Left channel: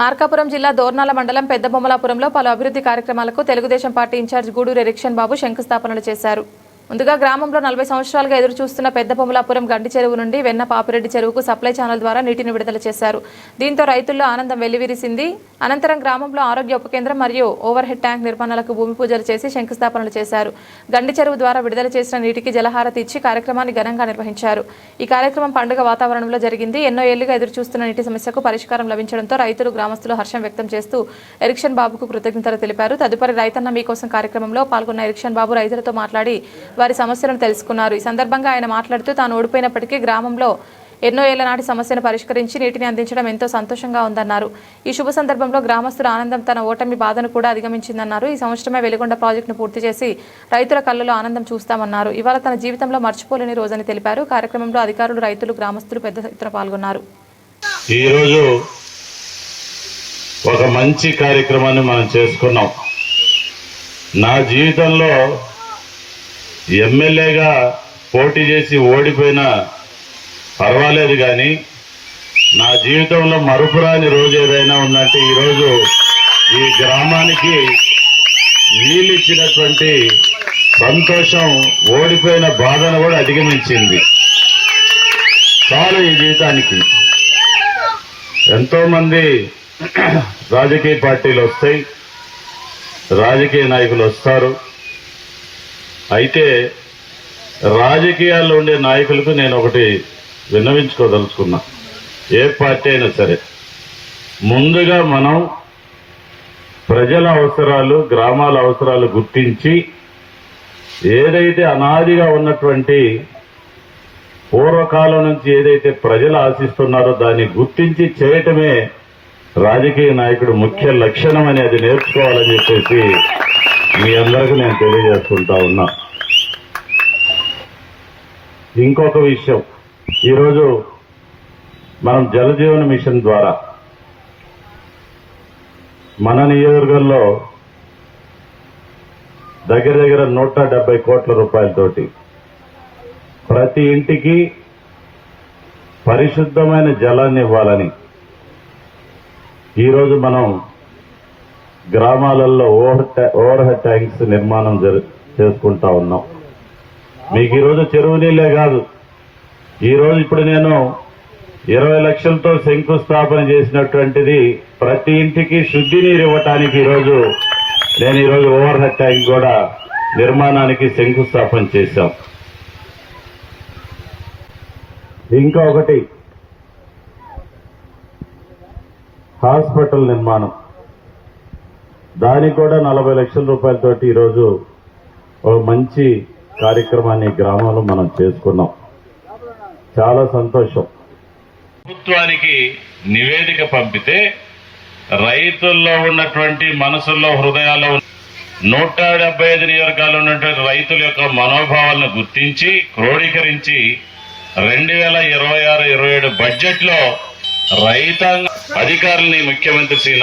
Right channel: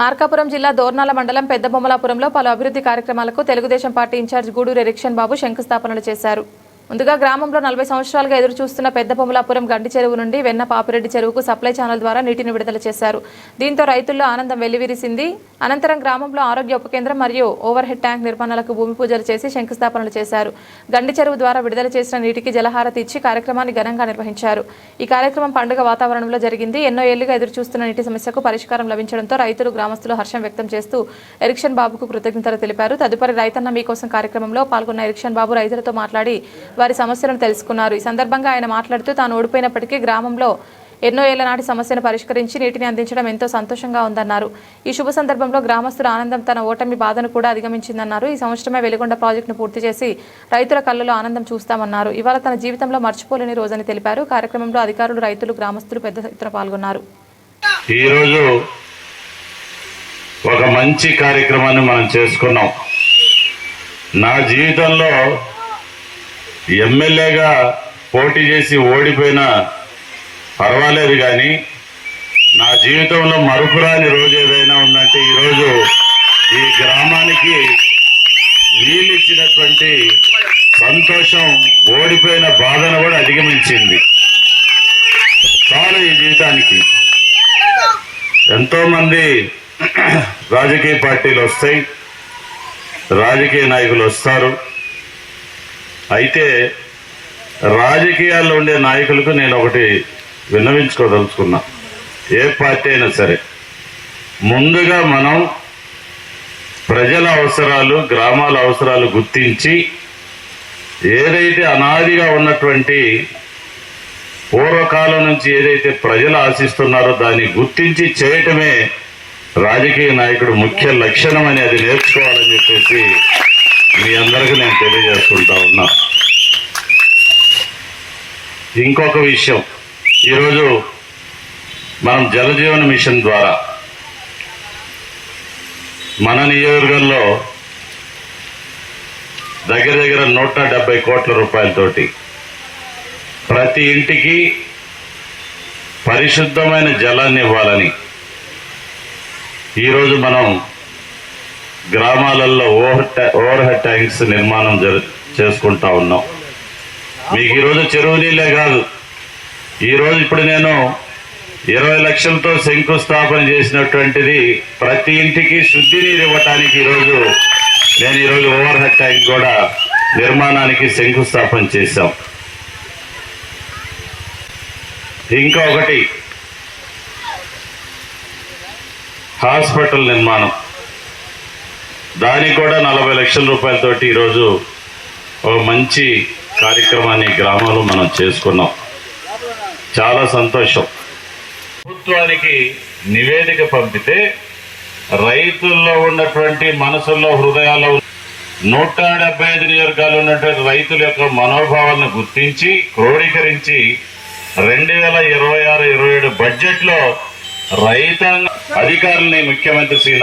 మార్కాపురం జిల్లా దోర్నాల మండలం పెద్దబొమ్మలాపురంలో పలు అభివృద్ధి కార్యక్రమాలకు తెలుగుదేశం పార్టీ ఇన్ఛార్జ్ గూడూరు ఎరిక్షన్ బాబు శంకుస్థాపనలు చేశారు. ముందుగా గ్రామంలో 40 సంవత్సరాలుగా ఎదురు చూస్తున్న పెద్దబొమ్మలాపురం గండి చెరువు నుండి వెన్న పాపిరెడ్డి చెరువుకు సప్లై ఛానల్ ద్వారా నీటిని విడుదల చేశారు. దీంతో రైతుల్లో ఆనందం వెల్లివిరిసింది. అనంతరం గ్రామంలో ఆరోగ్య ఉప కేంద్రం మరియు ఓవర్ హెడ్ ట్యాంక్ నిర్మాణాలకు భూమి పూజలు చేసి శంకుస్థాపనలు చేశారు. గండి చెరువు ద్వారా విడుదల చేసిన నీటికి జలహారతి ఇచ్చి కార్యక్రమాన్ని ఘనంగా నిర్వహించారు. ఈ కార్యక్రమం పండుగ వాతావరణంలో జరిగింది. ఎన్నో ఏళ్లుగా ఎదురు చూస్తున్న నీటి సమస్యకు పరిష్కారం లభించడంతో రైతులు గ్రామస్తులు హర్షం వ్యక్తం చేస్తూ ఎరిక్షన్ బాబుకు కృతజ్ఞతలు తెలిపారు. తదుపరి రైతన్న మీకోసం కార్యక్రమంలో పాల్గొన్న ఎరిక్షన్ బాబు రైతులతో మాట్లాడి వారి సమస్యలను తెలుసుకున్నారు. ఈ సందర్భంగా ఆయన మాట్లాడుతూ తాను ఓడిపోయినప్పటికీ గ్రామంలో ఎన్నో ఏళ్ల నాటి సమస్యను పరిష్కరించి నీటిని అందించడం ఎంతో సంతోషంగా ఉందన్నారు. ఈ శుభ సందర్భంలో గ్రామస్తుల ఆనందం తన ఓటమి బాధను కూడా అధిగమించిందన్నారు. ఈ సంవత్సరమే వెలిగొండ ప్రాజెక్టును పూర్తి చేసి రైతుల కళ్ళలో ఆనందం చూస్తామన్నారు. ఇవాళ తన జీవితంలో మర్చిపోలేని రోజని తెలిపారు. కార్యక్రమంలో అధికారులు, రైతులు, గ్రామస్తులు పెద్ద ఎత్తున పాల్గొన్నారు. ఈరోజు ఒక మంచి కార్యక్రమాన్ని మనం చేసుకున్నాం. నా జీవితంలో ఎమ్మెల్యేగా పోటీ చేసి ఓడిపోయినా పర్వాలేదు, కానీ నా జీవితంలో మరుపురాని రోజు ఏదైనా ఉందంటే ఈరోజు ఈ గ్రామానికి నీళ్ళు ఇచ్చినటువంటి సంతోషం ఓడిపోయిన బాధను కూడా అధిగమించింది. చాలు ఈ జీవితానికి. ఎంతోమంది రాజకీయ పార్టీలు వస్తాయి, రాజకీయ నాయకులు వస్తారు. అయితే రాజకీయాల్లో ఉండే నాయకులకు నేను ఒకటి విన్నవించుకోదలుచుకున్నా. ఏ పార్టీ అయినా సరే ముందుగా మనం ప్రజల అవసరాలు, గ్రామాల అవసరాలు గుర్తించి ఏదైతే అనాదిగా ఉన్నటువంటి పూర్వకాలం నుంచి ఏదైతే ప్రజలు ఆశిస్తున్నారో దాన్ని గుర్తించి చేయటమే రాజకీయ నాయకుడు ముఖ్య లక్షణం అని అది నేర్చుకోవాలని చెప్పేసి మీ అందరికీ నేను తెలియజేసుకుంటా ఉన్నా. ఇంకొక విషయం, ఈరోజు మనం జలజీవన మిషన్ ద్వారా మన నియోజకవర్గంలో దగ్గర 170 కోట్ల రూపాయలతోటి ప్రతి ఇంటికి పరిశుద్ధమైన జలాన్ని ఇవ్వాలని ఈరోజు మనం గ్రామాలలో ఓవర్ హెడ్ ట్యాంక్స్ నిర్మాణం చేసుకుంటా ఉన్నాం. మీకు ఈరోజు చెరువు నీళ్ళే కాదు, ఈరోజు ఇప్పుడు నేను 20 లక్షలతో శంకుస్థాపన చేసినటువంటిది ప్రతి ఇంటికి శుద్ధి నీరు ఇవ్వటానికి నేను ఈరోజు ఓవర్ హెడ్ ట్యాంక్ కూడా నిర్మాణానికి శంకుస్థాపన చేశాం. ఇంకా ఒకటి, హాస్పిటల్ నిర్మాణం, దానికి కూడా 40 లక్షల రూపాయలతోటి ఈరోజు ఒక మంచి కార్యక్రమాన్ని గ్రామంలో మనం చేసుకున్నాం. చాలా సంతోషం. ప్రభుత్వానికి నివేదిక పంపితే రైతుల్లో ఉన్నటువంటి మనసుల్లో, హృదయాల్లో 175 నియోజకవర్గాలు ఉన్నటువంటి రైతుల యొక్క మనోభావాలను గుర్తించి క్రోడీకరించి 2026-27 బడ్జెట్లో రైతాంగ అధికారుల్ని ముఖ్యమంత్రి శ్రీ